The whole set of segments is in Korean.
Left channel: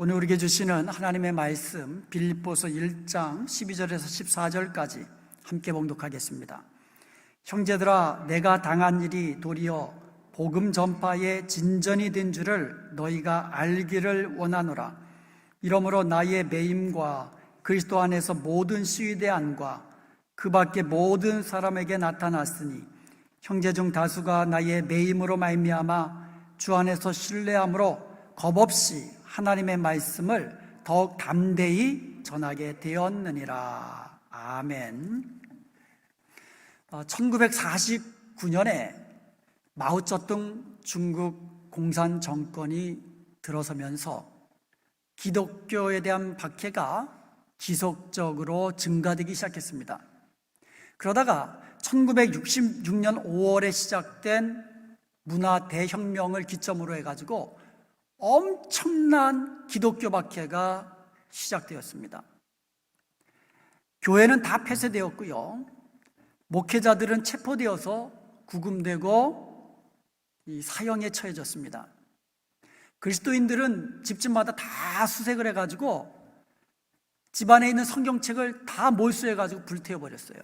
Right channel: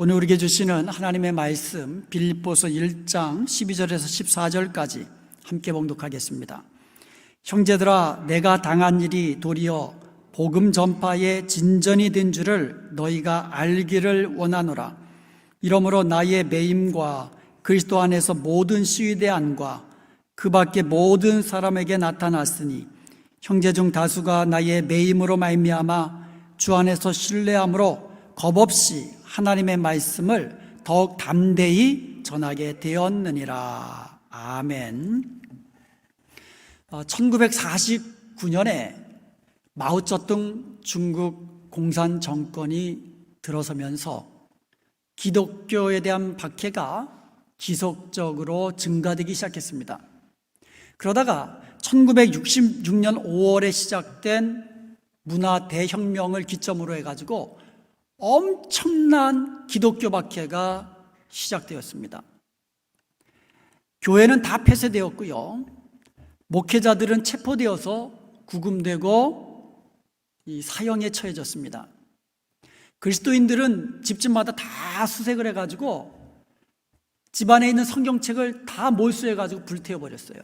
오늘 우리에게 주시는 하나님의 말씀 빌립보서 1장 12절에서 14절까지 함께 봉독하겠습니다. 형제들아, 내가 당한 일이 도리어 복음 전파의 진전이 된 줄을 너희가 알기를 원하노라. 이러므로 나의 매임과 그리스도 안에서 모든 시위대 안과 그 밖에 모든 사람에게 나타났으니 형제 중 다수가 나의 매임으로 말미암아 주 안에서 신뢰함으로 겁없이 하나님의 말씀을 더욱 담대히 전하게 되었느니라. 아멘. 1949년에 마오쩌둥 중국 공산 정권이 들어서면서 기독교에 대한 박해가 지속적으로 증가되기 시작했습니다. 그러다가 1966년 5월에 시작된 문화 대혁명을 기점으로 해가지고 엄청난 기독교 박해가 시작되었습니다. 교회는 다 폐쇄되었고요. 목회자들은 체포되어서 구금되고 사형에 처해졌습니다. 그리스도인들은 집집마다 다 수색을 해가지고 집안에 있는 성경책을 다 몰수해가지고 불태워버렸어요.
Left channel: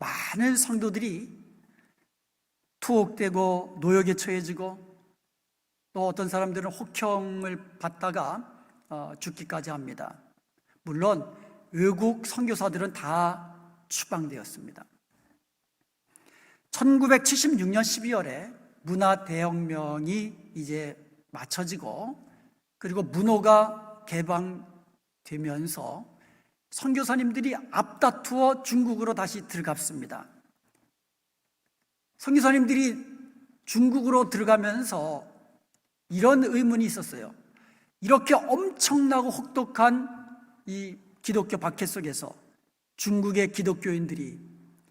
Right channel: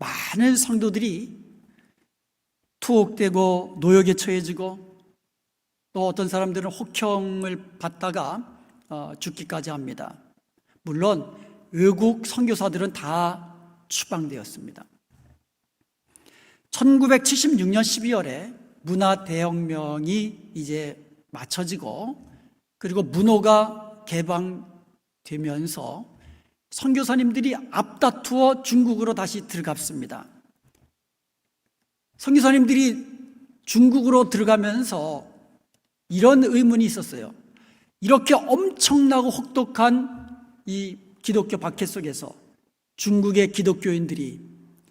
많은 성도들이 투옥되고 노역에 처해지고 또 어떤 사람들은 혹형을 받다가 죽기까지 합니다. 물론 외국 선교사들은 다 추방되었습니다. 1976년 12월에 문화 대혁명이 이제 마쳐지고 그리고 문호가 개방되면서 선교사님들이 앞다투어 중국으로 다시 들어갔습니다. 선교사님들이 중국으로 들어가면서 이런 의문이 있었어요. 이렇게 엄청나고 혹독한 이 기독교 박해 속에서 중국의 기독교인들이,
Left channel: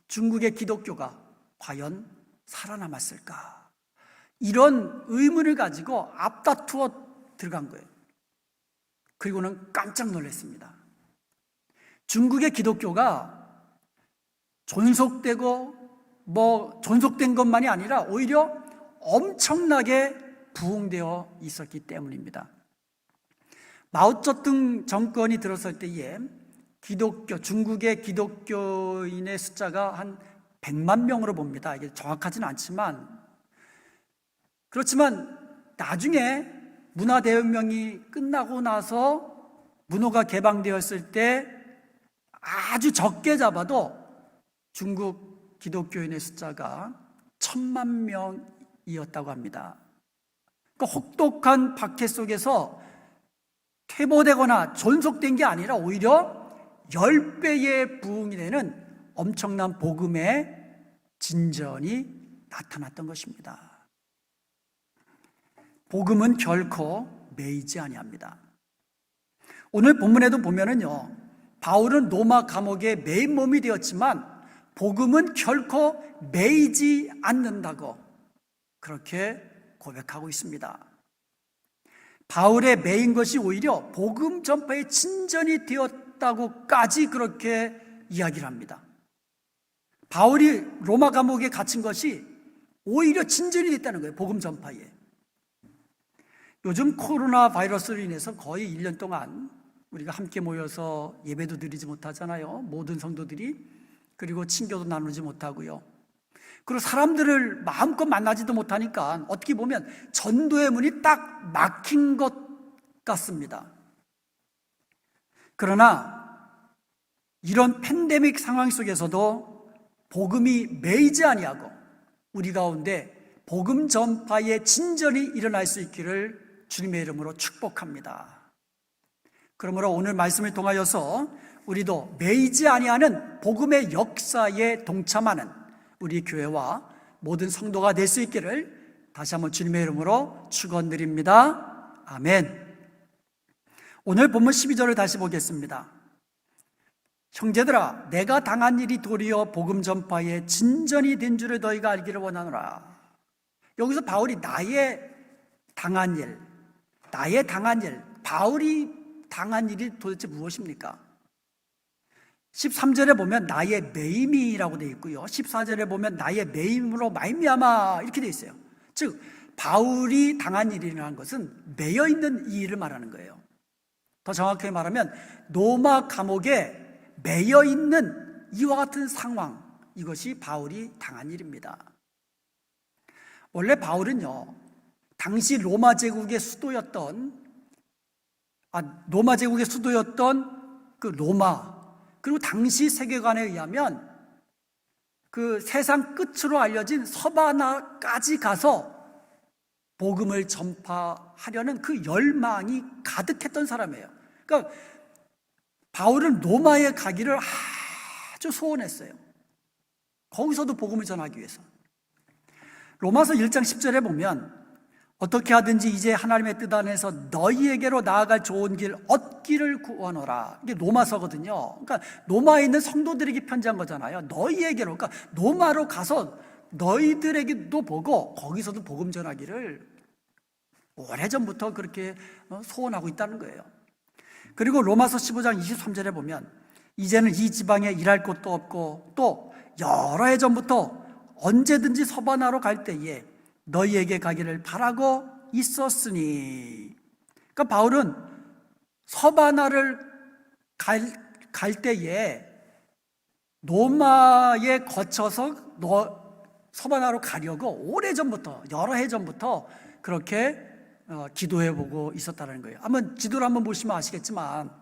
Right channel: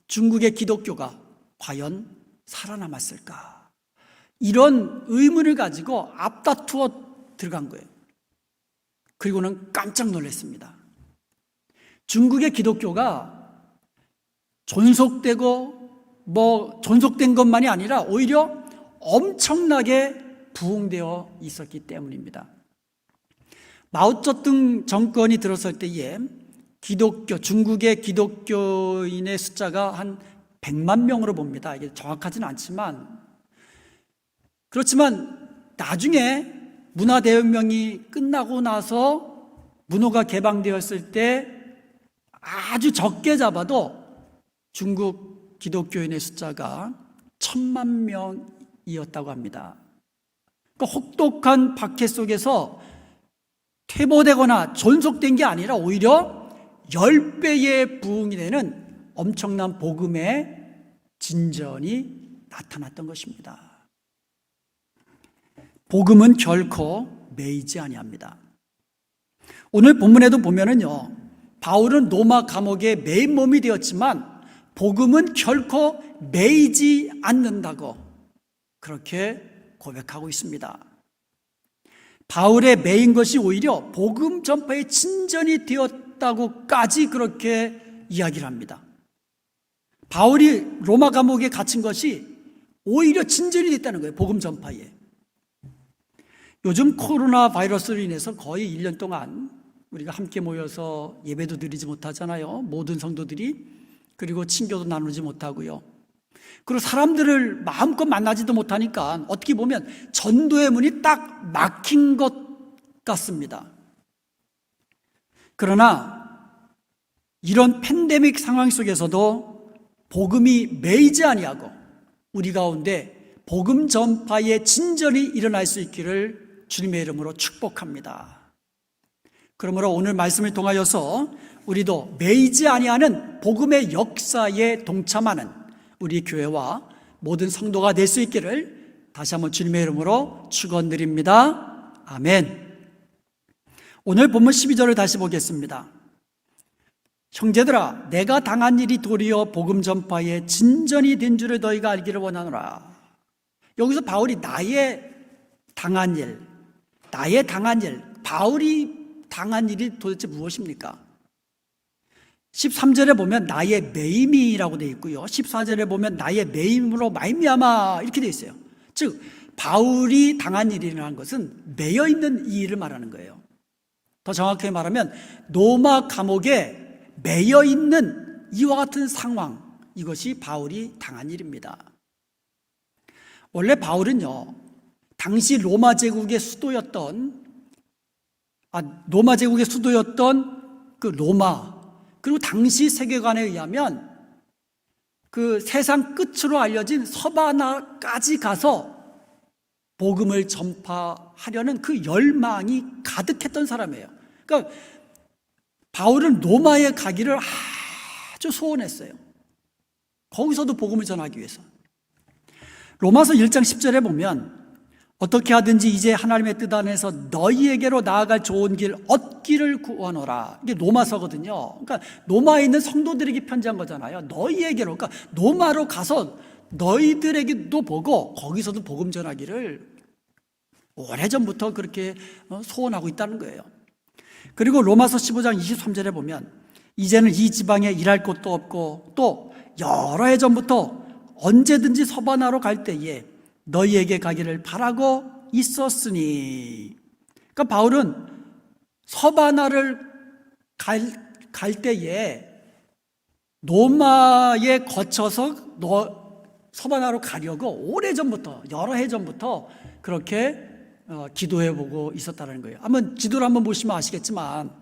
중국의 기독교가 과연 살아남았을까? 이런 의문을 가지고 앞다투어 들어간 거예요. 그리고는 깜짝 놀랐습니다. 중국의 기독교가 존속되고 존속된 것만이 아니라 오히려 엄청나게 부흥되어 있었기 때문입니다. 마오쩌둥 정권이 들어설 때에 중국의 기독교인의 숫자가 한 100만 명으로 봅니다. 이게 정확하지는 않지만, 그렇지만 나중에 문화대혁명이 끝나고 나서 문호가 개방되었을 때 아주 적게 잡아도 중국 기독교인의 숫자가 1000만 명이었다고 합니다. 그 혹독한 박해 속에서 퇴보되거나 존속된 게 아니라 오히려 10배의 부흥이 되는 엄청난 복음의 진전이 나타났던 것입니다. 복음은 결코 매이지 아니합니다. 오늘 본문에도 보면은요, 바울은 로마 감옥에 매인 몸이 되었지만 복음은 결코 매이지 않는다고 그렇게 고백하고 있습니다. 바울의 매인 것이 오히려 복음 전파의 진전이 되었다고까지 그렇게 이야기를 합니다. 바울이 로마 감옥에 갇힌 것이 오히려 진전이 됐다는 거예요. 복음 전파에. 요즘 코로나 바이러스로 인해서 거의 1년 동안 우리가 함께 모여서 예배도 드리지 못하잖아요. 모든 성도들이. 그리고 친교도 나누지 못하고요. 그리고 사람들을 마음껏 만나지도 못하니까 어떻게 보면 전도의 문이 딱 막힌 것 같습니다. 그러나 이런 팬데믹 상황 속에서도 복음이 매이지 아니하고 우리 가운데 복음 전파의 진전이 일어날 수 있기를 주님의 이름으로 축복합니다. 그러므로 오늘 말씀을 통하여서 우리도 매이지 아니하는 복음의 역사에 동참하는 우리 교회와 모든 성도가 될 수 있기를 다시 한번 주님의 이름으로 축원드립니다. 아멘. 오늘 본문 12절을 다시 보겠습니다. 형제들아, 내가 당한 일이 도리어 복음 전파의 진전이 된 줄을 너희가 알기를 원하노라. 여기서 바울이 나의 당한 일, 바울이 당한 일이 도대체 무엇입니까? 13절에 보면 나의 매임이라고 되어 있고요. 14절에 보면 나의 매임으로 말미암아 이렇게 되어 있어요. 즉 바울이 당한 일이라는 것은 매여 있는 이 일을 말하는 거예요. 더 정확하게 말하면 로마 감옥에 매여 있는 이와 같은 상황, 이것이 바울이 당한 일입니다. 원래 바울은요, 당시 로마 제국의 수도였던 그 로마, 그리고 당시 세계관에 의하면 그 세상 끝으로 알려진 서바나까지 가서 복음을 전파하려는 그 열망이 가득했던 사람이에요. 그러니까 바울은 로마에 가기를 아주 소원했어요. 거기서도 복음을 전하기 위해서. 로마서 1장 10절에 보면 어떻게 하든지 이제 하나님의 뜻 안에서 너희에게로 나아갈 좋은 길 얻기를 구하노라. 이게 로마서거든요. 그러니까 로마에 있는 성도들에게 편지한 거잖아요. 너희에게로, 그러니까 로마로 가서 너희들에게도 보고 거기서도 복음 전하기를 오래전부터 그렇게 소원하고 있다는 거예요. 그리고 로마서 15장 23절에 보면 이제는 이 지방에 일할 곳도 없고 또 여러 해 전부터 언제든지 서바나로 갈 때에 너희에게 가기를 바라고 있었으니. 그러니까 바울은 서바나를 갈 때에 로마에 거쳐서 서바나로 가려고 오래전부터, 여러 해 전부터 그렇게 기도해보고 있었다는 거예요. 한번 지도를 한번 보시면 아시겠지만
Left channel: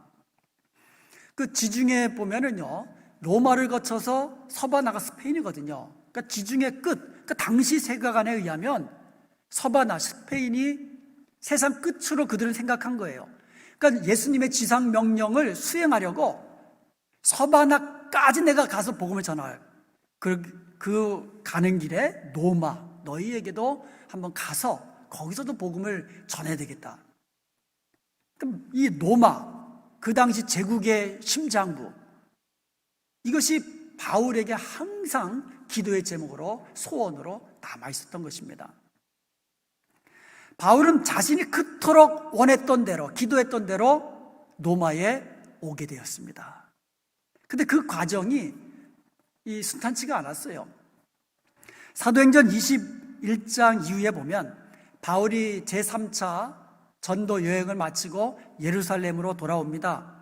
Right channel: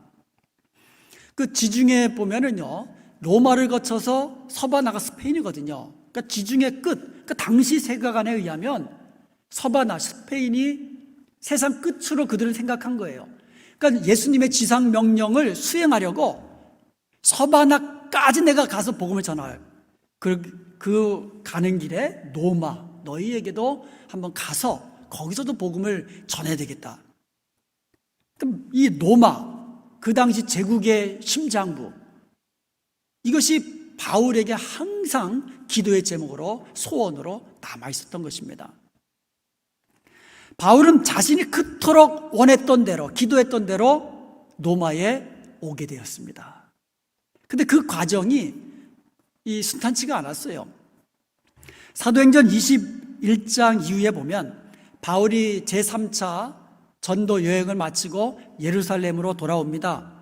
그 지중해 보면은요, 로마를 거쳐서 서바나가 스페인이거든요. 그러니까 지중해 끝, 그러니까 당시 세계관에 의하면 서바나, 스페인이 세상 끝으로 그들은 생각한 거예요. 그러니까 예수님의 지상 명령을 수행하려고 서바나까지 내가 가서 복음을 전할, 그 가는 길에 로마, 너희에게도 한번 가서 거기서도 복음을 전해야 되겠다. 그럼 이 로마, 그 당시 제국의 심장부, 이것이 바울에게 항상 기도의 제목으로, 소원으로 남아 있었던 것입니다. 바울은 자신이 그토록 원했던 대로, 기도했던 대로 로마에 오게 되었습니다. 근데 그 과정이 순탄치가 않았어요. 사도행전 21장 이후에 보면 바울이 제3차 전도 여행을 마치고 예루살렘으로 돌아옵니다.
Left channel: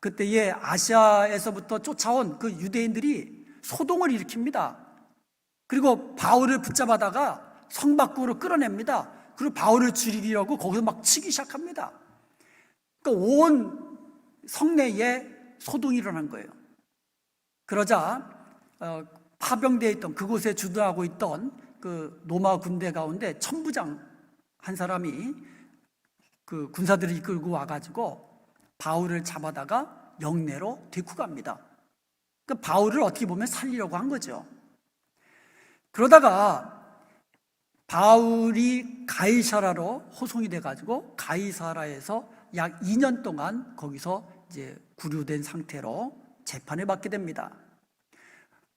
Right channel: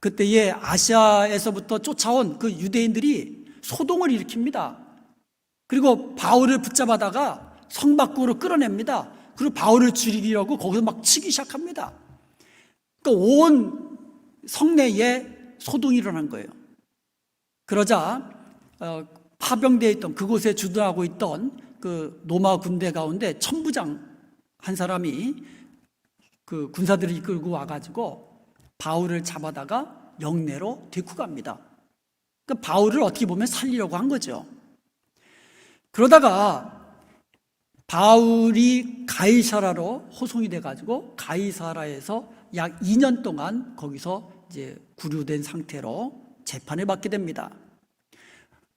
그때에 아시아에서부터 쫓아온 그 유대인들이 소동을 일으킵니다. 그리고 바울을 붙잡아다가 성 밖으로 끌어냅니다. 그리고 바울을 죽이려고 거기서 막 치기 시작합니다. 그러니까 온 성내에 소동이 일어난 거예요. 그러자 파병되어 있던, 그곳에 주둔하고 있던 그 로마 군대 가운데 천부장 한 사람이 그 군사들을 이끌고 와가지고 바울을 잡아다가 영내로 데리고 갑니다. 그 바울을 어떻게 보면 살리려고 한 거죠. 그러다가 바울이 가이사라로 호송이 돼가지고 가이사라에서 약 2년 동안 거기서 이제 구류된 상태로 재판을 받게 됩니다.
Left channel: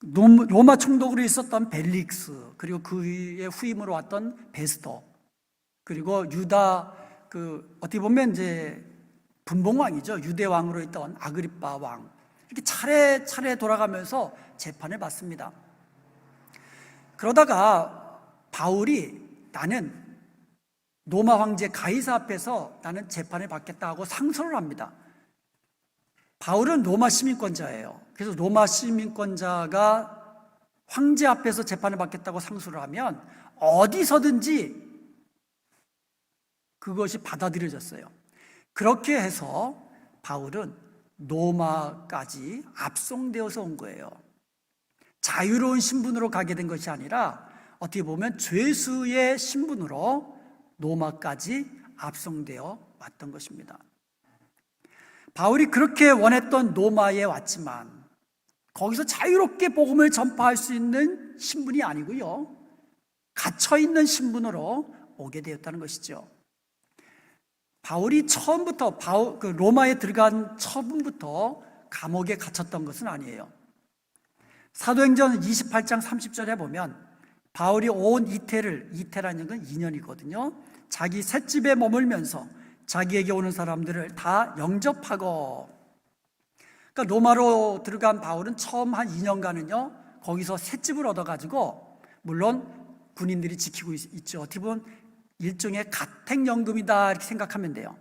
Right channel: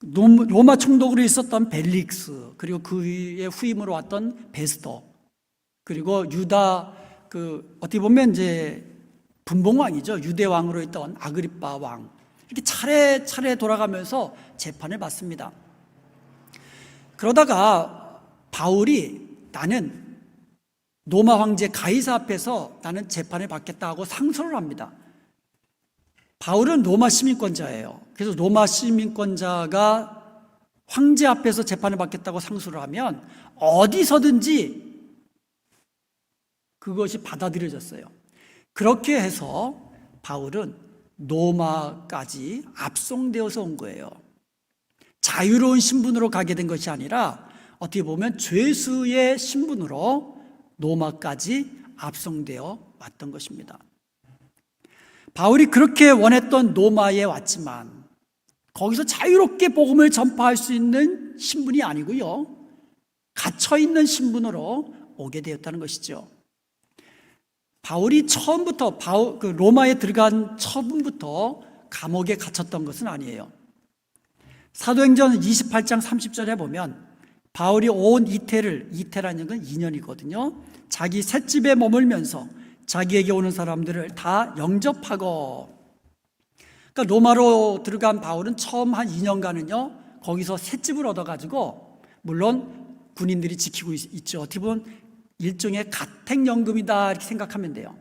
로마 총독으로 있었던 벨릭스, 그리고 그의 후임으로 왔던 베스도, 그리고 유다 어떻게 보면 이제 분봉왕이죠. 유대 왕으로 있던 아그리빠 왕, 이렇게 차례차례 돌아가면서 재판을 받습니다. 그러다가 바울이 나는 로마 황제 가이사 앞에서 나는 재판을 받겠다고 상소를 합니다. 바울은 로마 시민권자예요. 그래서 로마 시민권자가 황제 앞에서 재판을 받겠다고 상소를 하면 어디서든지 그것이 받아들여졌어요. 그렇게 해서 바울은 로마까지 압송되어서 온 거예요. 자유로운 신분으로 가게 된 것이 아니라 어떻게 보면 죄수의 신분으로 로마까지 압송되어 왔던 것입니다. 바울이 그렇게 원했던 로마에 왔지만 거기서 자유롭게 복음을 전파할 수 있는 신분이 아니고요, 갇혀있는 신분으로 오게 되었다는 것이죠. 바울이 처음부터 로마에 들어간 처음부터 감옥에 갇혔던 것은 아니에요. 사도행전 28장 30절에 보면 바울이 온 이태라는 건 2년이거든요. 자기 셋집에 머물면서 자기에게 오는 사람들을 다 영접하고, 그러니까 로마로 들어간 바울은 처음 한 2년간은요 거기서 셋집을 얻어가지고, 물론 군인들이 지키고 있죠. 어떻게 보면 일종의 가택연금이다 이렇게 생각하면 돼요.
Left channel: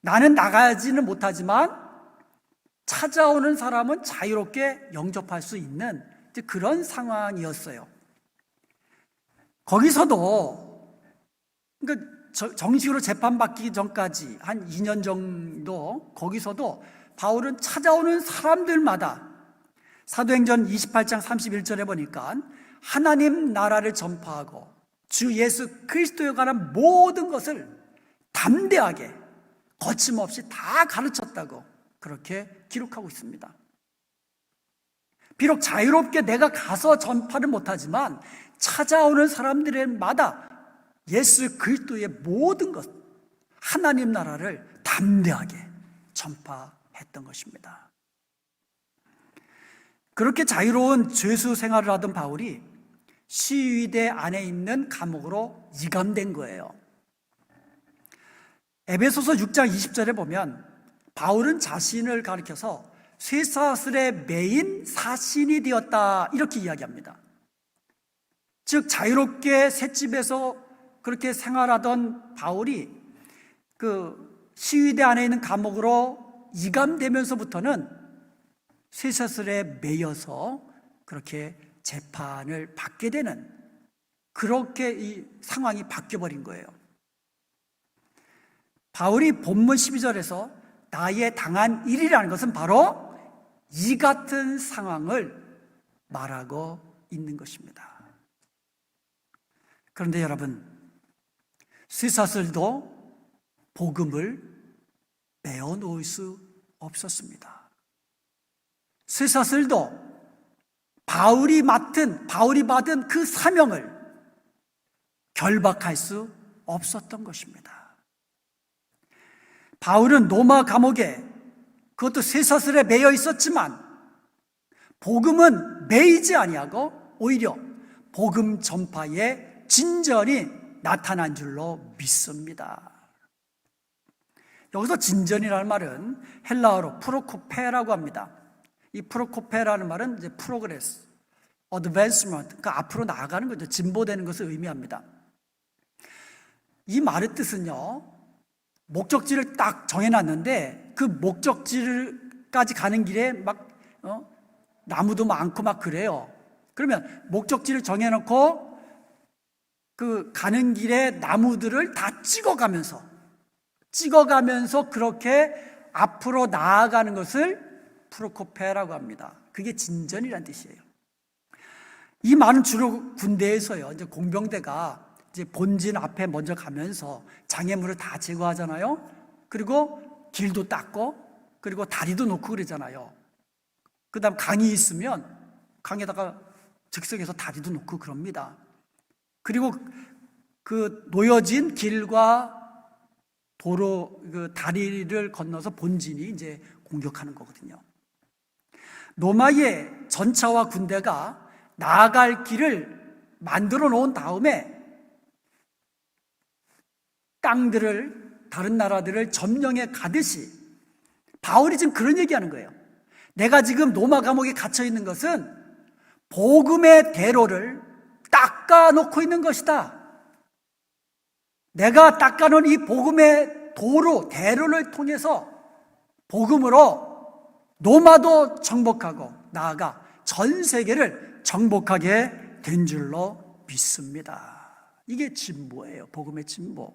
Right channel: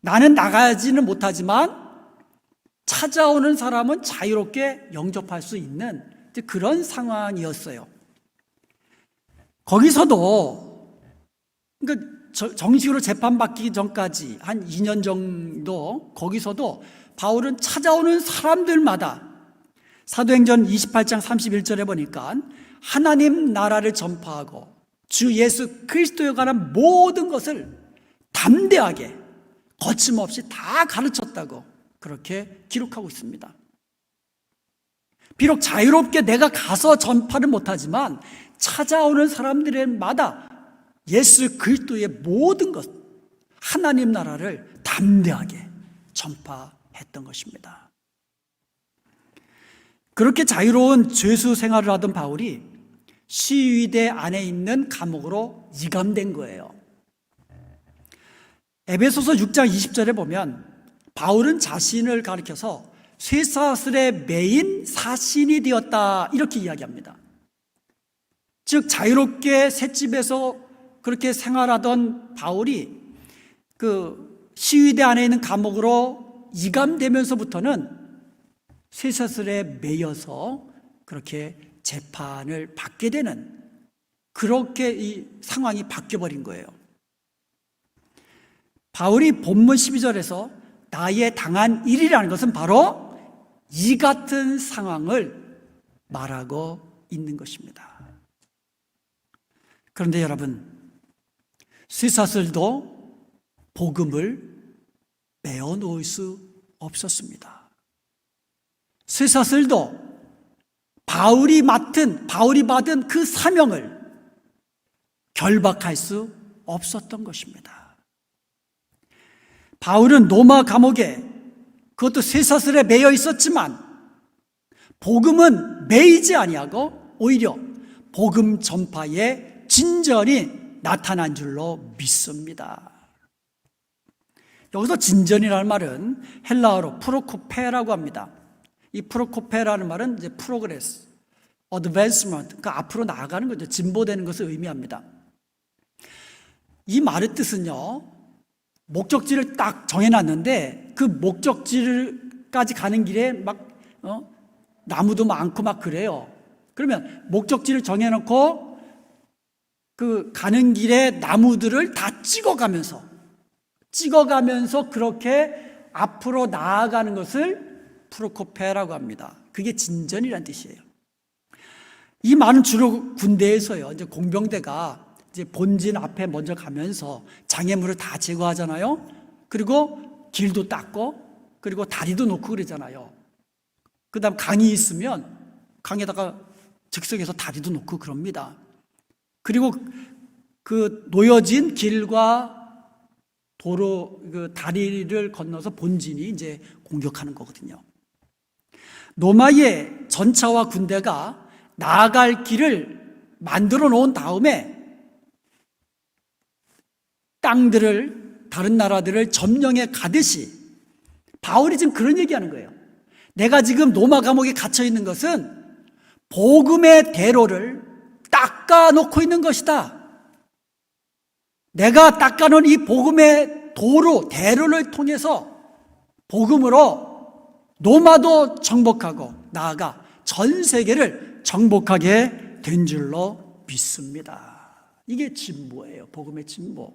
나는 나가지는 못하지만 찾아오는 사람은 자유롭게 영접할 수 있는 그런 상황이었어요. 거기서도 그러니까 정식으로 재판받기 전까지 한 2년 정도 거기서도 바울은 찾아오는 사람들마다 사도행전 28장 31절에 보니까 하나님 나라를 전파하고 주 예수 그리스도에 관한 모든 것을 담대하게 거침없이 다 가르쳤다고 그렇게 기록하고 있습니다. 비록 자유롭게 내가 가서 전파를 못하지만 찾아오는 사람들마다 예수 그리스도의 모든 것, 하나님 나라를 담대하게 전파했던 것입니다. 그렇게 자유로운 죄수 생활을 하던 바울이 시위대 안에 있는 감옥으로 이감된 거예요. 에베소서 6장 20절에 보면 바울은 자신을 가리켜서 쇠사슬에 매인 사신이 되었다 이렇게 이야기합니다. 즉 자유롭게 셋집에서 그렇게 생활하던 바울이 그 시위대 안에 있는 감옥으로 이감되면서부터는 쇠사슬에 매여서 그렇게 재판을 받게 되는 그렇게 이 상황이 바뀌어버린 거예요. 바울이 본문 12절에서 나의 당한 일이라는 것은 바로 이 같은 상황을 말하고 있는 것입니다. 그런데 여러분, 쇠사슬도 복음을 메어 놓을 수 없었습니다. 쇠사슬도 바울이 받은 그 사명을 결박할 수 없었던 것입니다. 바울은 로마 감옥에 그것도 쇠사슬에 매여 있었지만 복음은 매이지 아니하고 오히려 복음 전파의 진전이 나타난 줄로 믿습니다. 여기서 진전이라는 말은 헬라어로 프로코페라고 합니다. 이 프로코페라는 말은 이제 프로그레스, 어드밴스먼트, 그러니까 앞으로 나아가는 거죠. 진보되는 것을 의미합니다. 이 말의 뜻은요, 목적지를 딱 정해놨는데 그 목적지까지 가는 길에 막 나무도 많고 막 그래요. 그러면 목적지를 정해놓고 그 가는 길에 나무들을 다 찍어가면서 그렇게 앞으로 나아가는 것을 프로코페라고 합니다. 그게 진전이라는 뜻이에요. 이 말은 주로 군대에서요, 이제 공병대가 이제 본진 앞에 먼저 가면서 장애물을 다 제거하잖아요. 그리고 길도 닦고, 그리고 다리도 놓고 그러잖아요. 그 다음 강이 있으면 강에다가 즉석에서 다리도 놓고 그럽니다. 그리고 그 놓여진 길과 도로, 그 다리를 건너서 본진이 이제 공격하는 거거든요. 로마의 전차와 군대가 나아갈 길을 만들어 놓은 다음에 땅들을, 다른 나라들을 점령해 가듯이 바울이 지금 그런 얘기하는 거예요. 내가 지금 로마 감옥에 갇혀 있는 것은 복음의 대로를 닦아 놓고 있는 것이다. 내가 닦아놓은 이 복음의 도로, 대로를 통해서 복음으로 로마도 정복하고 나아가 전 세계를 정복하게 된 줄로 믿습니다. 이게 진보예요. 복음의 진보.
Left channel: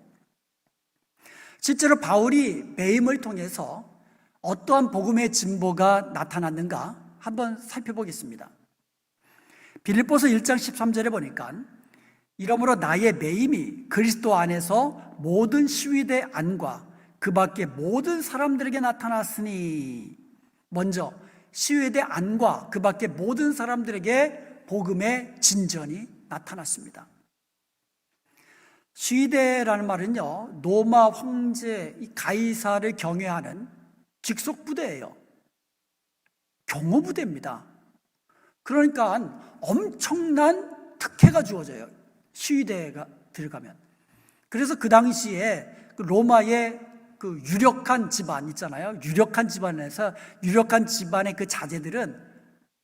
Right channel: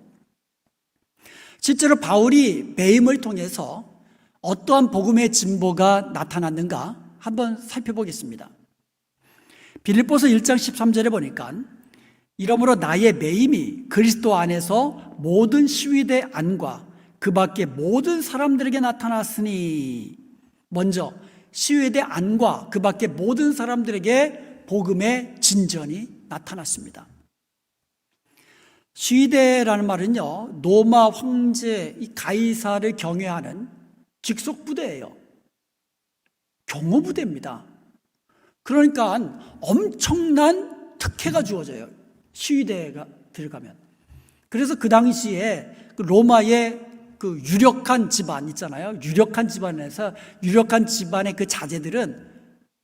실제로 바울이 매임을 통해서 어떠한 복음의 진보가 나타났는가 한번 살펴보겠습니다. 빌립보서 1장 13절에 보니까 이러므로 나의 매임이 그리스도 안에서 모든 시위대 안과 그 밖의 모든 사람들에게 나타났으니, 먼저 시위대 안과 그 밖의 모든 사람들에게 복음의 진전이 나타났습니다. 시위대라는 말은요, 로마 황제 이 가이사를 경외하는 직속 부대예요. 경호 부대입니다. 그러니까 엄청난 특혜가 주어져요. 시위대가 들어가면. 그래서 그 당시에 로마의 그 유력한 집안 있잖아요. 유력한 집안에서 유력한 집안의 그 자제들은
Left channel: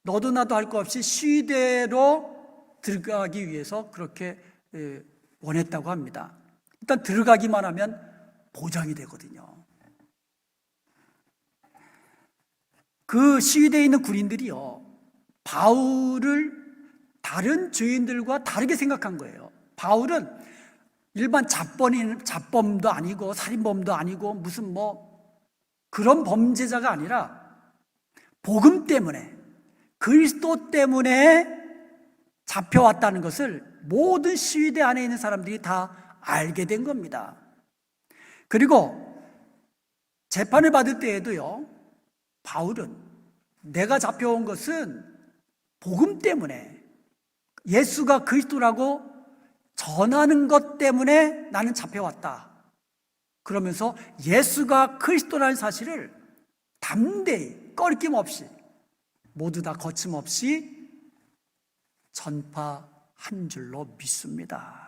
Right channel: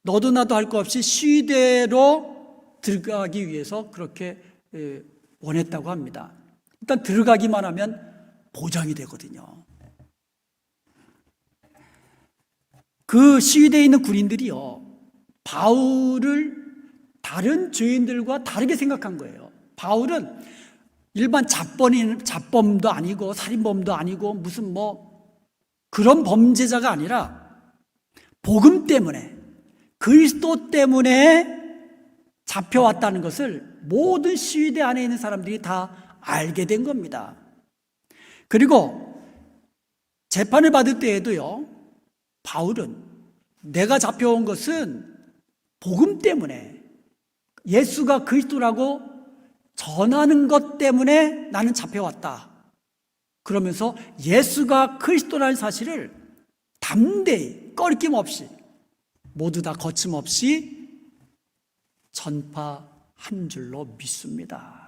너도 나도 할 것 없이 시위대로 들어가기 위해서 그렇게 원했다고 합니다. 일단 들어가기만 하면 보장이 되거든요. 그 시위대에 있는 군인들이요, 바울을 다른 죄인들과 다르게 생각한 거예요. 바울은 일반 잡범도 아니고 살인범도 아니고 무슨 그런 범죄자가 아니라 복음 때문에, 그리스도 때문에 잡혀왔다는 것을 모든 시위대 안에 있는 사람들이 다 알게 된 겁니다. 그리고 재판을 받을 때에도요, 바울은 내가 잡혀온 것은 복음 때문에, 예수가 그리스도라고 전하는 것 때문에 나는 잡혀왔다. 그러면서 예수가 그리스도라는 사실을 담대히 꺼리낌 없이 모두 다 거침없이 전파한 줄로 믿습니다.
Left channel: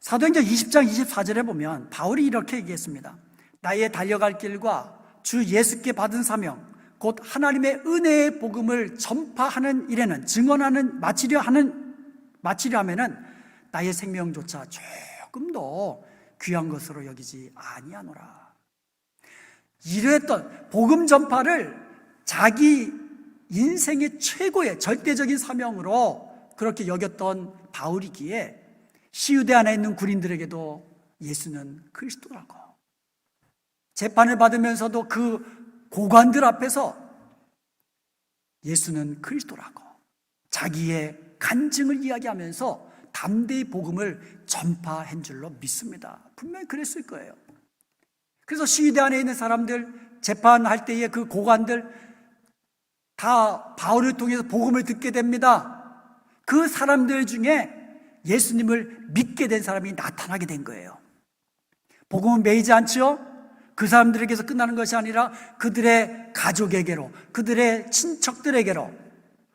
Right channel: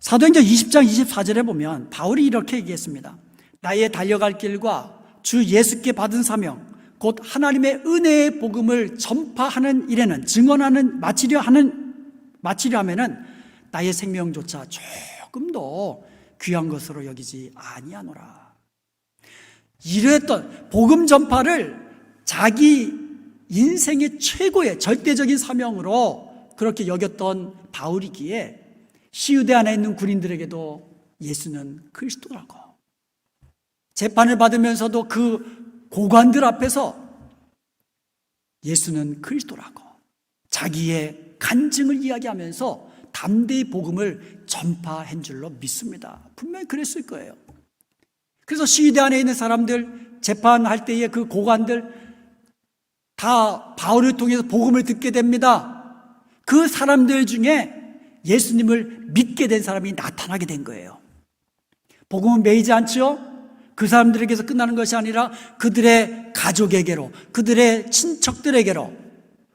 사도행전 20장 24절에 보면 바울이 이렇게 얘기했습니다. 나의 달려갈 길과 주 예수께 받은 사명 곧 하나님의 은혜의 복음을 전파하는 일에는, 증언하는 마치려 하면은 나의 생명조차 조금도 귀한 것으로 여기지 아니하노라. 이랬던 복음 전파를 자기 인생의 최고의 절대적인 사명으로 그렇게 여겼던 바울이기에 시유대 안에 있는 군인들에게도 예수는 그리스도라고, 재판을 받으면서도 그 고관들 앞에서 예수는 그리스도라고 자기의 간증을 이야기하면서 담대히 복음을 전파한 줄로 믿습니다. 분명히 그랬을 거예요. 그래서 시위대 안에 있는 사람들, 재판할 때의 그 고관들 다 바울을 통해서 복음을 듣게 됩니다. 그 사람들 중에 예수님을 믿게 된 사람이 나타나게 된 거예요. 복음은 매이지 않죠? 그 사람들에게서 끝나는 것이 아니라 그들의 가족에게로, 그들의 친척들에게로,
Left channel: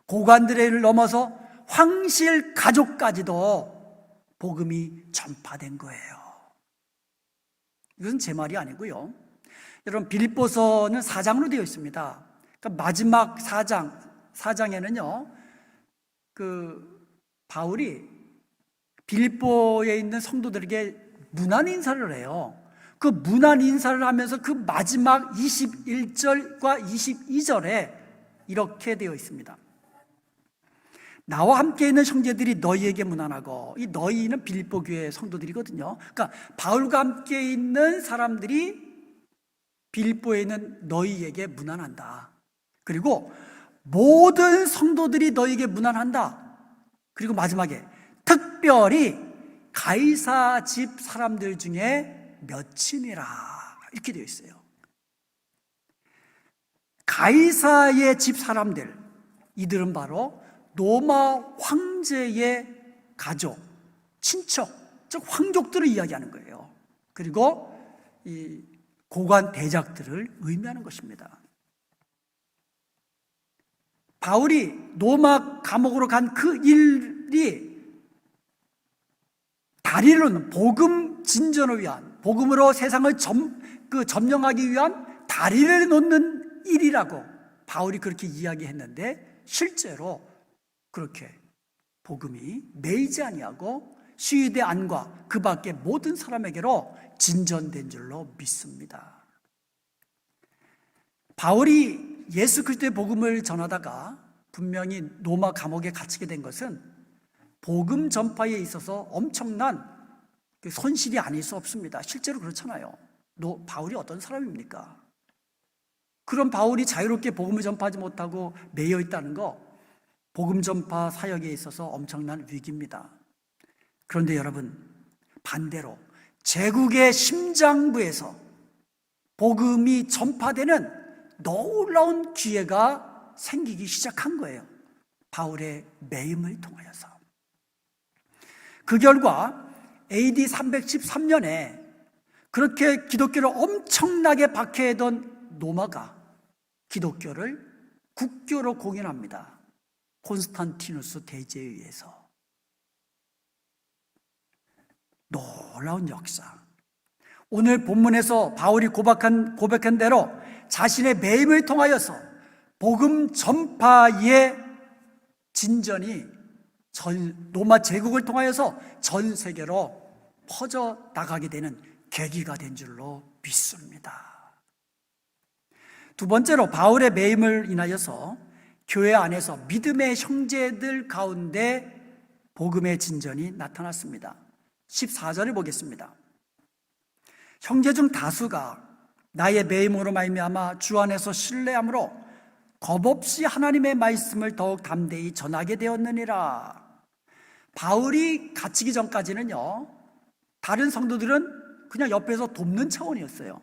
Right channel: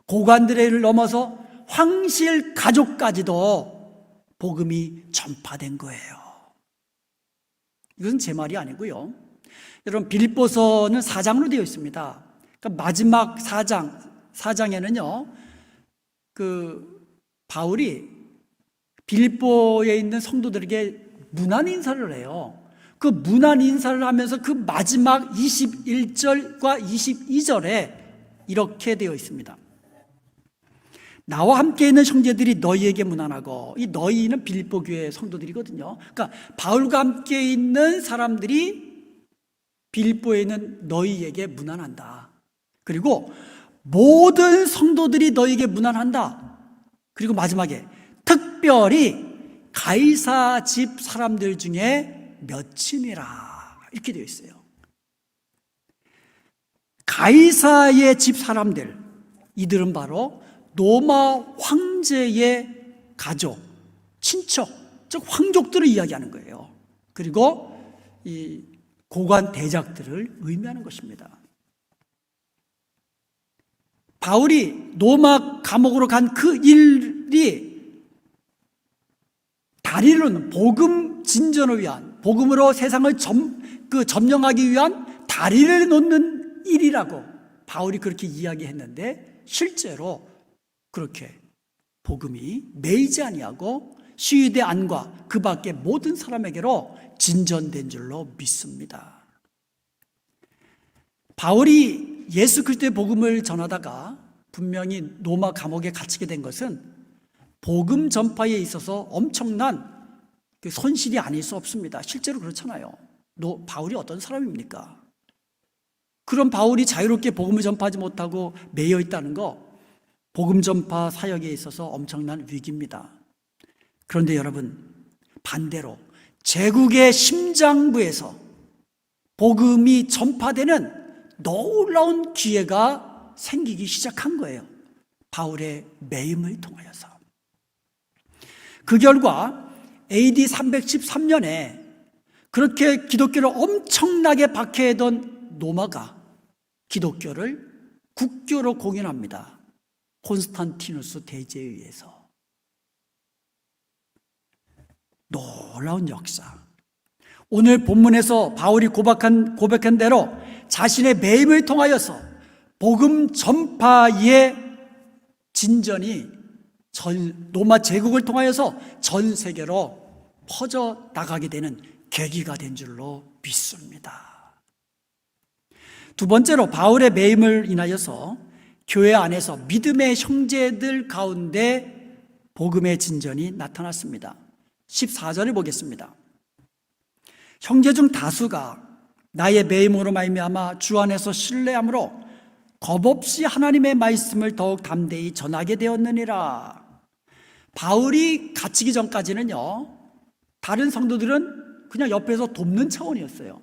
고관들을 넘어서 황실 가족까지도 복음이 전파된 거예요. 이것은 제 말이 아니고요. 여러분, 빌립보서는 4장으로 되어 있습니다. 그러니까 마지막 4장에는요, 바울이 빌립보에 있는 성도들에게 문안 인사를 해요. 그 문안 인사를 하면서 그 마지막 21절과 22절에 이렇게 되어 있습니다. 나와 함께 있는 형제들이 너희에게 문안하고, 이 너희는 빌립보 교회 성도들이거든요. 그러니까 바울과 함께 있는 사람들이 빌립보에 있는 너희에게 문안한다. 그리고 모든 성도들이 너희에게 문안한다. 그리고 마지막에 특별히 가이사 집 사람들 중에 몇이니라 이렇게 되어 있어요. 가이사의 집 사람들, 이들은 바로 로마 황제의 가족, 친척, 즉 황족들을 이야기하는 거예요. 그리고 이 고관 대작들을 의미하는 것입니다. 바울이 로마 감옥으로 간 그 일이 다리를 놓는, 복음 진전을 위한, 복음으로 세상을 점령하기 위한 다리를 놓는 일이라고 바울이 그렇게 이야기했는데, 실제로 그렇게 복음이 매이지 아니하고 시위대 안과 그 밖의 모든 사람에게로 진전된 줄로 믿습니다. 바울이 예수 그리스도의 복음을 전하다가 분명히 로마 감옥에 갇히게 된 것은 복음 전파에 있어서 엄청난 손실이 아닐 수 없습니다. 실제로 그렇잖아요. 바울이 어떤 사람입니까? 그런 바울이 자유롭게 복음을 전파하지 못하고 매여 있다는 거, 복음 전파 사역에 있어서 엄청난 위기입니다. 그런데 여러분, 반대로 제국의 심장부에서 복음이 전파되는 놀라운 기회가 생기기 시작한 거예요. 바울의 매임을 통하여서. 그 결과 AD 313년에 그렇게 기독교를 엄청나게 박해하던 로마가 기독교를 국교로 공인합니다. 콘스탄티누스 대제에 의해서. 놀라운 역사. 오늘 본문에서 바울이 고백한 대로 자신의 매임을 통하여서 복음 전파의 진전이 로마 제국을 통하여서 전 세계로 퍼져 나가게 되는 계기가 된 줄로 믿습니다. 두 번째로 바울의 매임을 인하여서 교회 안에서 믿음의 형제들 가운데 복음의 진전이 나타났습니다. 14절을 보겠습니다. 형제 중 다수가 나의 매임으로 말미암아 주 안에서 신뢰함으로 겁없이 하나님의 말씀을 더욱 담대히 전하게 되었느니라. 바울이 갇히기 전까지는요, 다른 성도들은 그냥 옆에서 돕는 차원이었어요.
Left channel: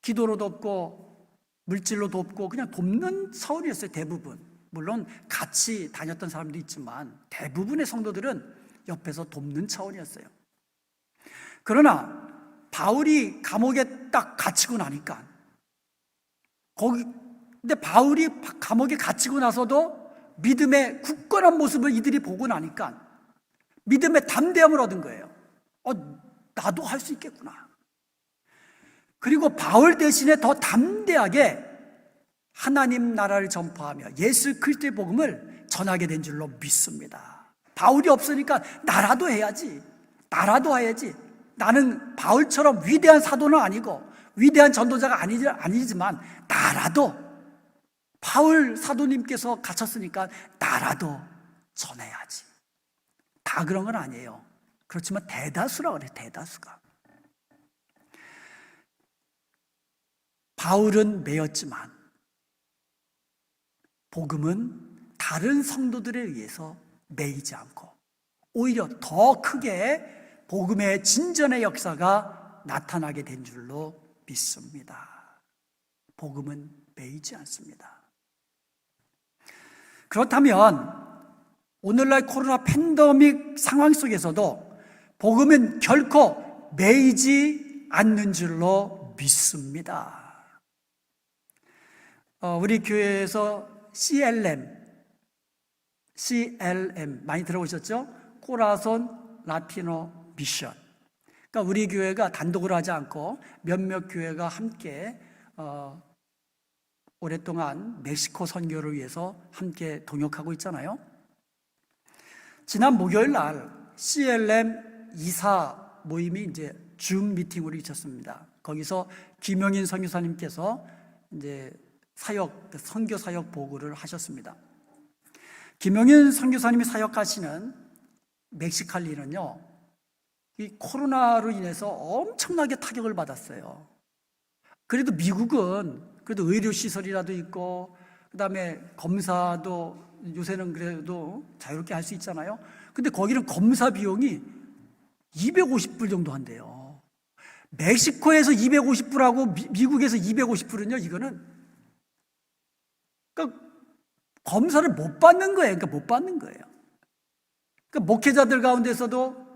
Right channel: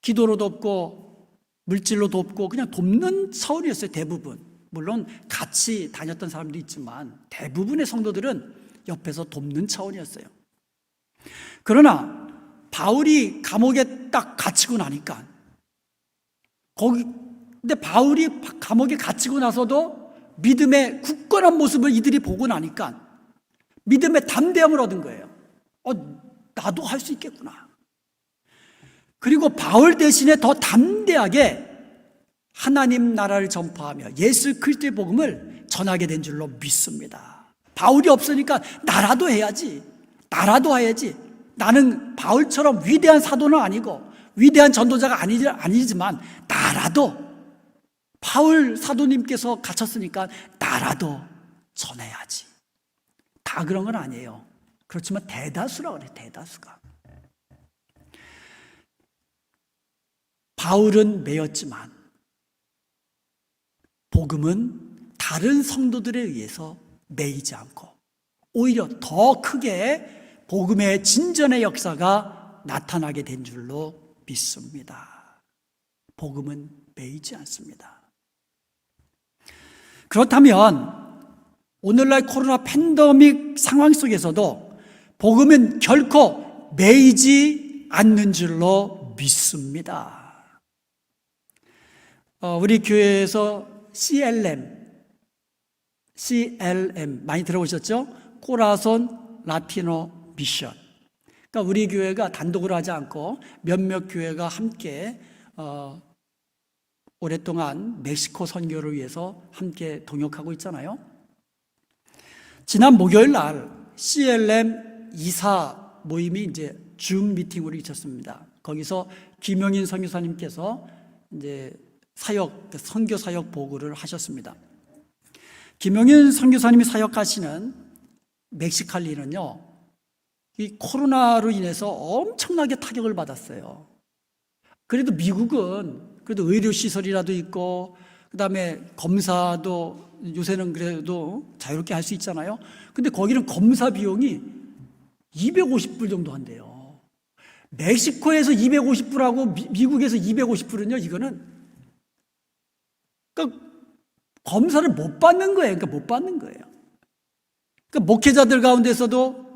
기도로 돕고 물질로 돕고 그냥 돕는 차원이었어요. 대부분. 물론 같이 다녔던 사람도 있지만 대부분의 성도들은 옆에서 돕는 차원이었어요. 그러나 바울이 감옥에 딱 갇히고 나니까 근데 바울이 감옥에 갇히고 나서도 믿음의 굳건한 모습을 이들이 보고 나니까 믿음의 담대함을 얻은 거예요. 나도 할 수 있겠구나. 그리고 바울 대신에 더 담대하게 하나님 나라를 전파하며 예수 그리스도의 복음을 전하게 된 줄로 믿습니다. 바울이 없으니까 나라도 해야지. 나는 바울처럼 위대한 사도는 아니고 위대한 전도자가 아니지만 나라도 바울 사도님께서 갇혔으니까 나라도 전해야지. 다 그런 건 아니에요. 그렇지만 대다수라고 그래. 대다수가. 바울은 매였지만 복음은 다른 성도들에 의해서 매이지 않고 오히려 더 크게 복음의 진전의 역사가 나타나게 된 줄로 믿습니다. 복음은 매이지 않습니다. 그렇다면 오늘날 코로나 팬데믹 상황 속에서도 복음은 결코 매이지 않는 줄로 믿습니다. 우리 교회에서 CLM 많이 들어보셨죠? 코라손 라티노 미션. 그러니까 우리 교회가 단독으로 하지 않고 몇몇 교회가 함께 오랫동안 멕시코 선교를 위해서 함께 동역하고 있잖아요. 지난 목요일 날 CLM 이사 모임이 이제 줌 미팅으로 있었습니다. 거기서 김영인 선교사님께서 이제 선교 사역 보고를 하셨습니다. 김영인 선교사님이 사역하시는 멕시칼리는요, 이 코로나로 인해서 엄청나게 타격을 받았어요. 그래도 미국은 그래도 의료시설이라도 있고, 그 다음에 검사도 요새는 그래도 자유롭게 할 수 있잖아요. 근데 거기는 검사 비용이 250불 정도 한대요. 멕시코에서 250불하고 미국에서 250불은요, 이거는 그러니까 검사를 못 받는 거예요. 그러니까 목회자들 가운데서도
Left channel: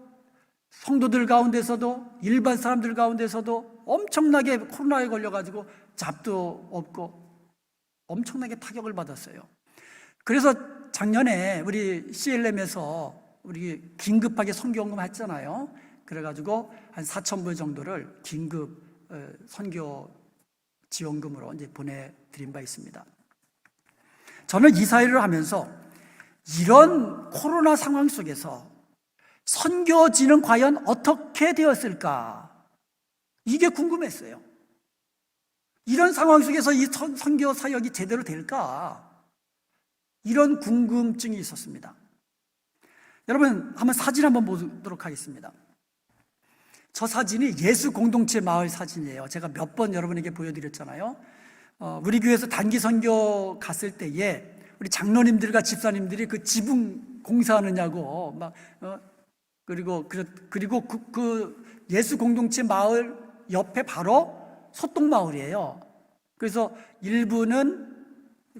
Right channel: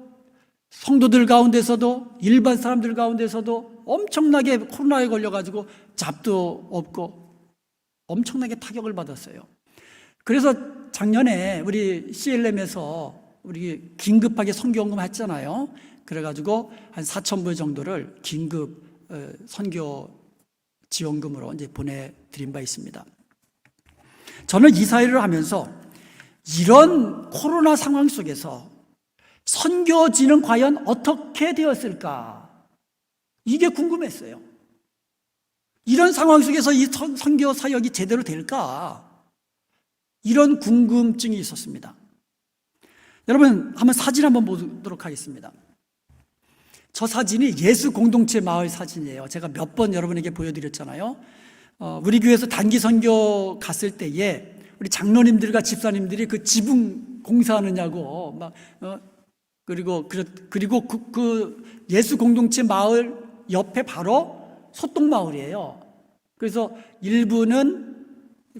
성도들 가운데서도 일반 사람들 가운데서도 엄청나게 코로나에 걸려가지고 잡도 없고 엄청나게 타격을 받았어요. 그래서 작년에 우리 CLM에서 우리 긴급하게 선교원금 했잖아요. 그래가지고 한 4,000불 정도를 긴급 선교 지원금으로 이제 보내드린 바 있습니다. 저는 이사회를 하면서 이런 코로나 상황 속에서 선교지는 과연 어떻게 되었을까? 이게 궁금했어요. 이런 상황 속에서 이 선교 사역이 제대로 될까? 이런 궁금증이 있었습니다. 여러분, 한번 사진 한번 보도록 하겠습니다. 저 사진이 예수 공동체 마을 사진이에요. 제가 몇 번 여러분에게 보여드렸잖아요. 우리 교회에서 단기 선교 갔을 때에 우리 장로님들과 집사님들이 그 지붕 공사하느냐고 그리고 그 예수 공동체 마을 옆에 바로 소똥 마을이에요. 그래서 일부는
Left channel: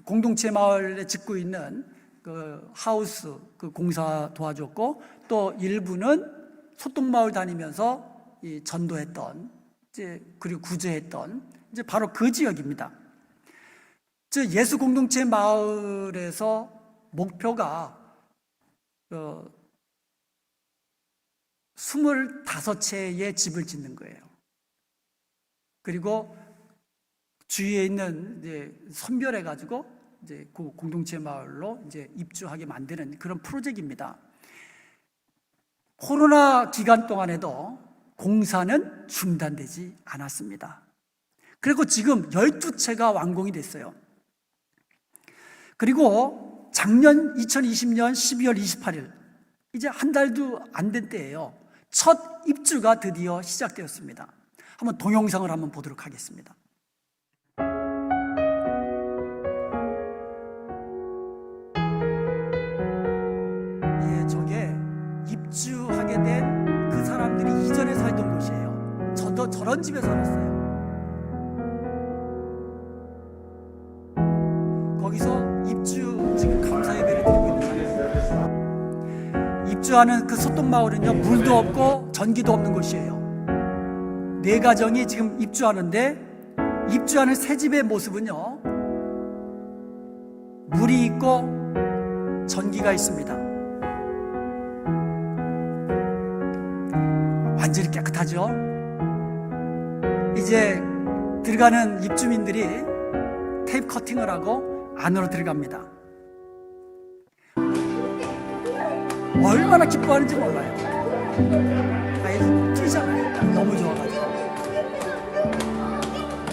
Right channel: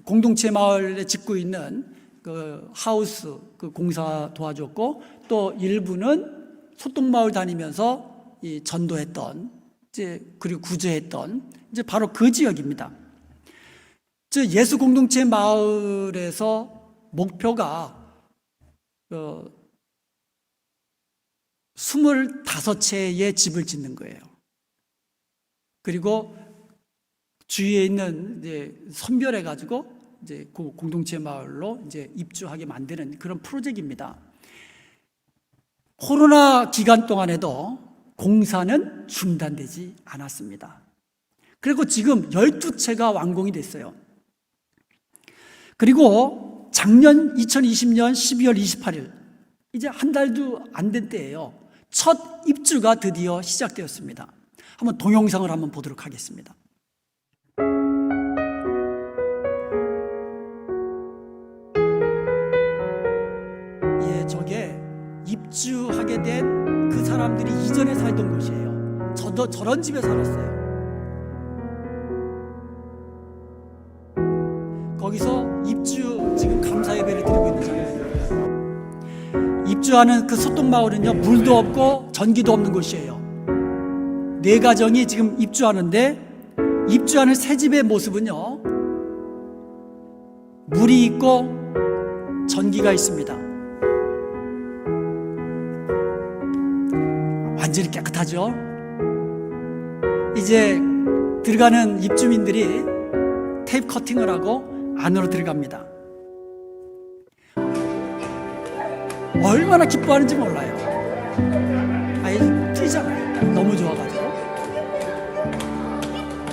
공동체 마을에 짓고 있는 그 하우스 그 공사 도와줬고, 또 일부는 소똥 마을 다니면서 이 전도했던 그리고 구제했던 바로 그 지역입니다. 즉 예수 공동체 마을에서 목표가 25채의 집을 짓는 거예요. 그리고 주위에 있는 선별해 가지고 이제 그 공동체 마을로 이제 입주하게 만드는 그런 프로젝트입니다. 코로나 기간 동안에도 공사는 중단되지 않았습니다. 그리고 지금 12채가 완공이 됐어요. 그리고 작년 2020년 12월 28일, 이제 한 달도 안 된 때예요. 첫 입주가 드디어 시작되었습니다. 한번 동영상을 한번 보도록 하겠습니다. 예, 저게 입주하게 된 그 사람들이 이전에 살던 곳이에요. 저도 저런 집에 살았어요. 거기서 입주 지금 감사 예배를 드리고 있는 장면입니다. 입주하는 그 소똥마을은요, 물도 없고 전기도 없는 곳이에요. 4가정이 지금 입주하는데, 입주하는 새 집의 모습은요, 물이 있고 전기가 있습니다. 완전히 깨끗하죠. 이제 들어가는 입주민들이 테이프 커팅을 하고 안으로 들어갑니다. 얼마나 기뻐하는지 몰라요. 아이 뛰잖아요. 너무 좋아가지고.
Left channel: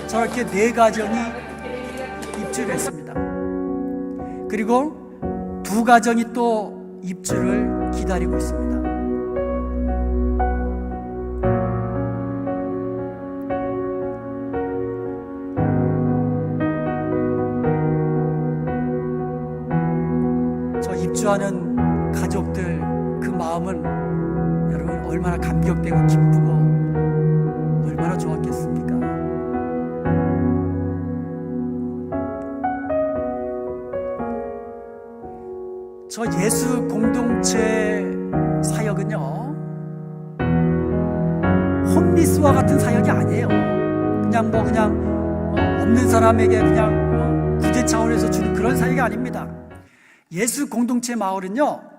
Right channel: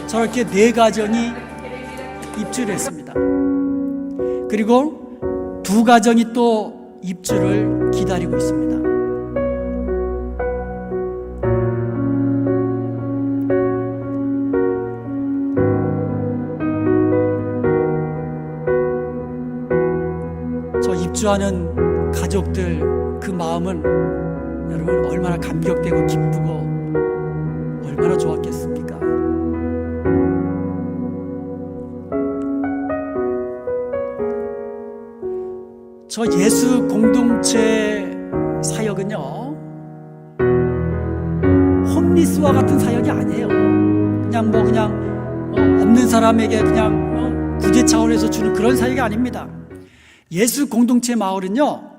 저렇게 4가정이 입주를 했습니다. 그리고 2가정이 또 입주를 기다리고 있습니다. 저 입주하는 가족들 그 마음은 여러분 얼마나 감격되고 기쁘고 얼마나 좋았겠습니까? 저 예수 공동체 사역은요, 홈리스와 같은 사역이 아니에요. 그냥 없는 사람에게 그냥 구제 차원에서 주는 그런 사역이 아닙니다. 예수 공동체 마을은요,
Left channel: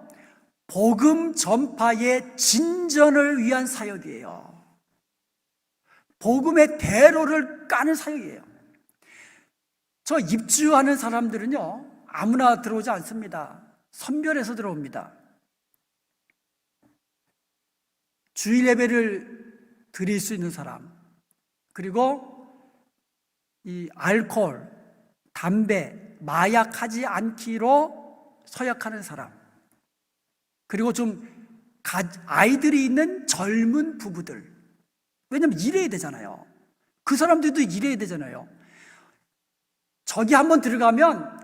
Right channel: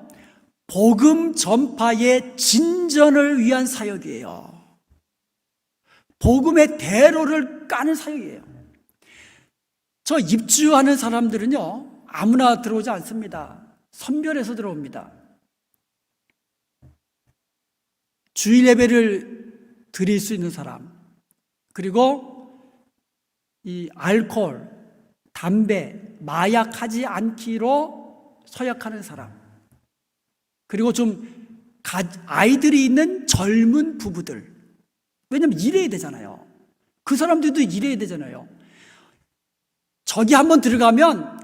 복음 전파의 진전을 위한 사역이에요. 복음의 대로를 까는 사역이에요. 저 입주하는 사람들은요, 아무나 들어오지 않습니다. 선별해서 들어옵니다. 주일 예배를 드릴 수 있는 사람, 그리고 이 알코올, 담배, 마약하지 않기로 서약하는 사람, 그리고 좀 아이들이 있는 젊은 부부들, 왜냐면 일해야 되잖아요. 그 사람들도 일해야 되잖아요. 저기 한번 들어가면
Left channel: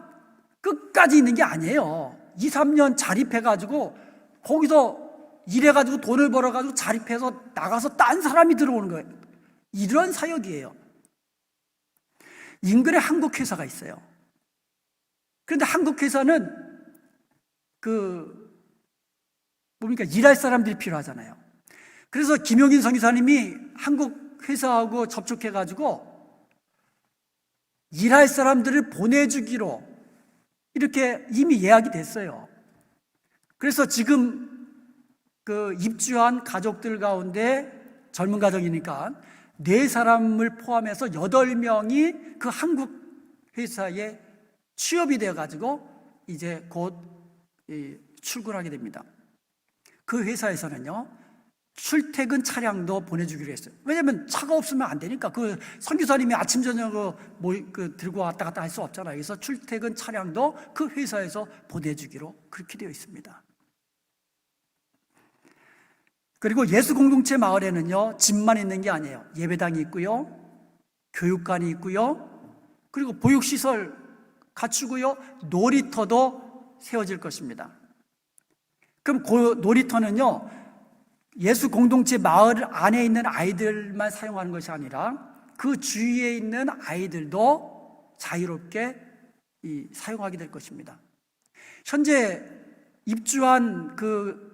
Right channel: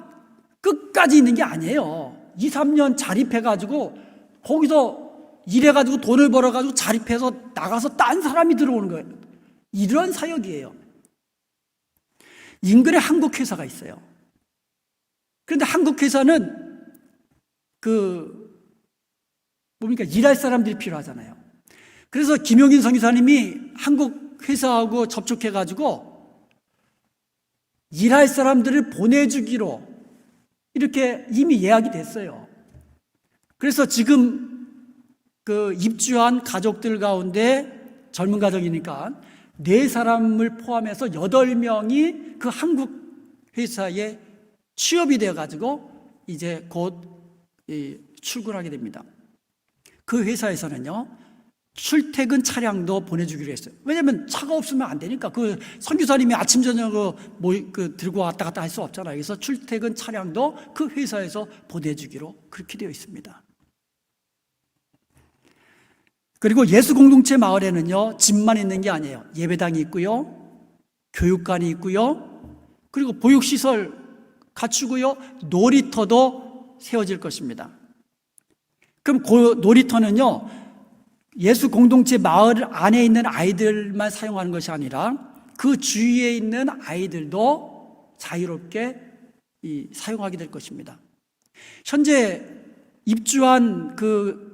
끝까지 있는 게 아니에요. 2, 3년 자립해가지고 거기서 일해가지고 돈을 벌어가지고 자립해서 나가서 딴 사람이 들어오는 거예요. 이런 사역이에요. 인근에 한국 회사가 있어요. 그런데 한국 회사는 일할 사람들이 필요하잖아요. 그래서 김용인 선교사님이 한국 회사하고 접촉해가지고 일할 사람들을 보내주기로 이렇게 이미 예약이 됐어요. 그래서 지금 입주한 가족들 가운데 젊은 가정이니까 4사람을 포함해서 8명이 그 한국 회사에 취업이 되어가지고 이제 곧 출근하게 됩니다. 그 회사에서는요, 출퇴근 차량도 보내주기로 했어요. 왜냐하면 차가 없으면 안 되니까. 그 선교사님이 아침 저녁으로 들고 왔다 갔다 할 수 없잖아요. 그래서 출퇴근 차량도 그 회사에서 보내주기로 그렇게 되어 있습니다. 그리고 예수 공동체 마을에는요, 집만 있는 게 아니에요. 예배당이 있고요, 교육관이 있고요, 그리고 보육시설 갖추고요, 놀이터도 세워질 것입니다. 그럼 그 놀이터는요, 예수 공동체 마을 안에 있는 아이들만 사용하는 것이 아니라 그 주위에 있는 아이들도 자유롭게 사용하게 될 것입니다. 현재 입주한 그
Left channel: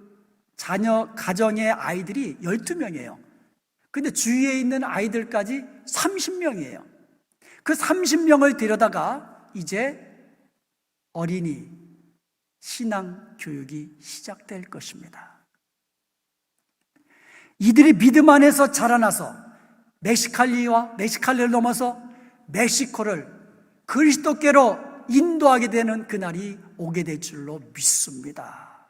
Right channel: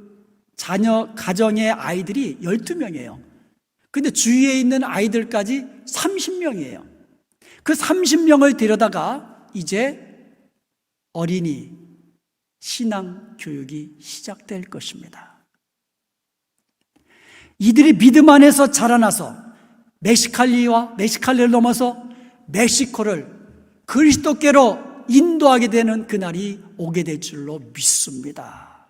자녀 가정의 아이들이 12명이에요. 근데 주위에 있는 아이들까지 30명이에요. 그 30명을 데려다가 이제 어린이 신앙 교육이 시작될 것입니다. 이들이 믿음 안에서 자라나서 멕시칼리를 넘어서 멕시코를 그리스도께로 인도하게 되는 그날이 오게 될 줄로 믿습니다.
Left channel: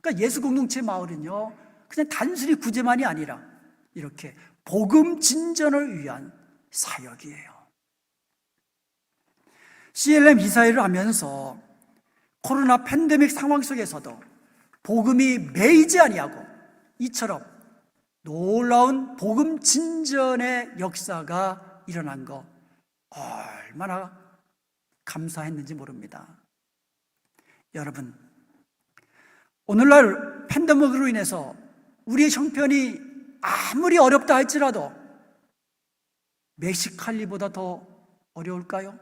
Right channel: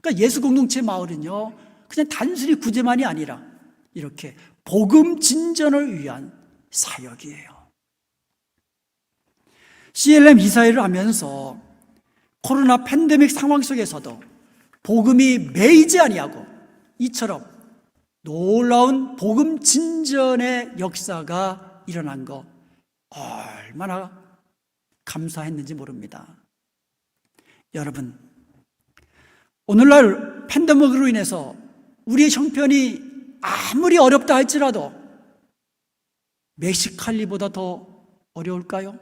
그러니까 예수 공동체 마을은요, 그냥 단순히 구제만이 아니라 이렇게 복음 진전을 위한 사역이에요. CLM 이사회를 하면서 코로나 팬데믹 상황 속에서도 복음이 매이지 아니하고 이처럼 놀라운 복음 진전의 역사가 일어난 거 얼마나 감사했는지 모릅니다. 여러분, 오늘날 팬데믹으로 인해서 우리의 형편이 아무리 어렵다 할지라도 멕시칼리보다 더 어려울까요?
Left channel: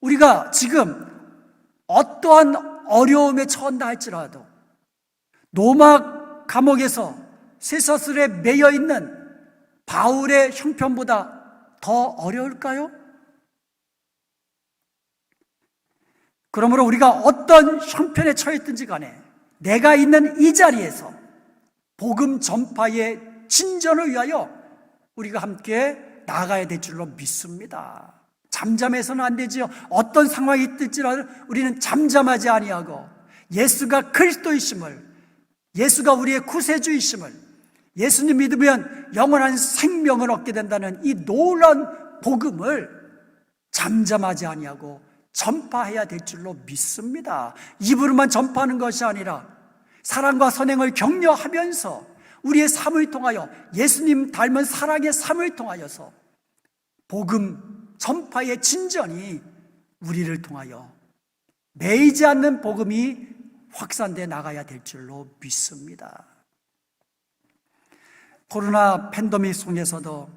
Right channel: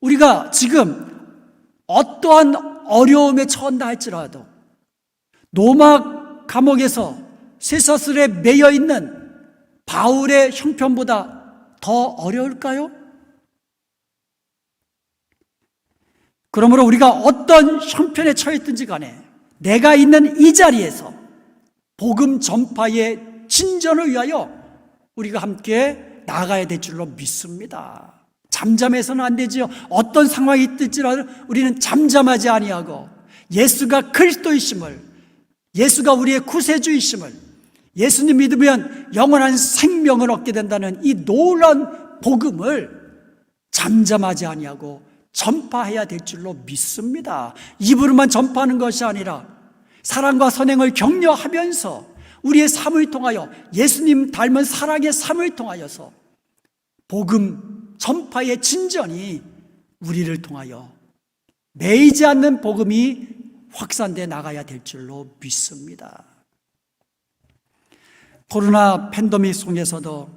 우리가 지금 어떠한 어려움에 처한다 할지라도 로마 감옥에서 쇠사슬에 매여 있는 바울의 형편보다 더 어려울까요? 그러므로 우리가 어떤 형편에 처했든지 간에 내가 있는 이 자리에서 복음 전파의 진전을 위하여 우리가 함께 나가야 될 줄로 믿습니다. 잠잠해서는 안 되지요. 어떤 상황이 있을지라도 우리는 잠잠하지 아니하고 예수가 그리스도이심을, 예수가 우리의 구세주이심을, 예수님 믿으면 영원한 생명을 얻게 된다는 이 놀라운 복음을 잠잠하지 아니하고 전파해야 될 줄로 믿습니다. 입으로만 전파하는 것이 아니라 사랑과 선행을 격려하면서 우리의 삶을 통하여 예수님 닮은 사랑의 삶을 통하여서 복음 전파의 진전이 우리를 통하여 매이지 않는 복음이 확산돼 나가야 될 줄로 믿습니다. 코로나 팬데믹 속에서도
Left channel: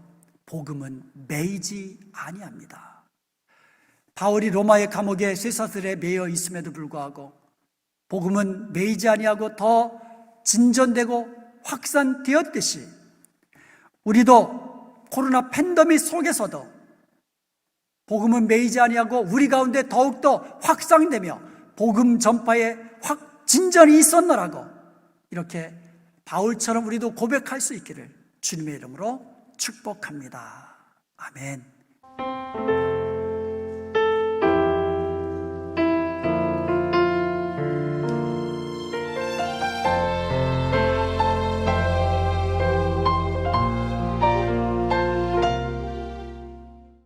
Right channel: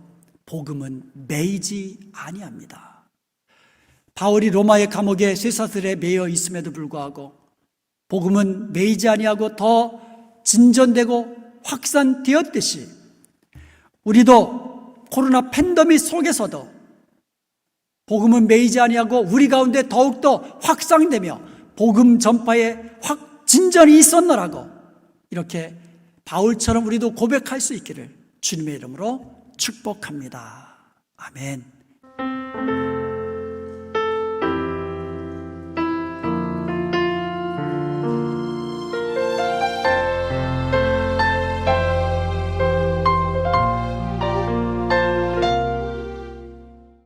복음은 매이지 아니합니다. 바울이 로마의 감옥에 쇠사슬에 매여 있음에도 불구하고 복음은 매이지 아니하고 더 진전되고 확산되었듯이 우리도 코로나 팬데믹 속에서도 복음은 매이지 아니하고 우리 가운데 더욱더 확산되며 복음 전파에 진전이 있었노라고 이렇게 바울처럼 우리도 고백할 수 있기를 주님의 이름으로 축복합니다. 아멘.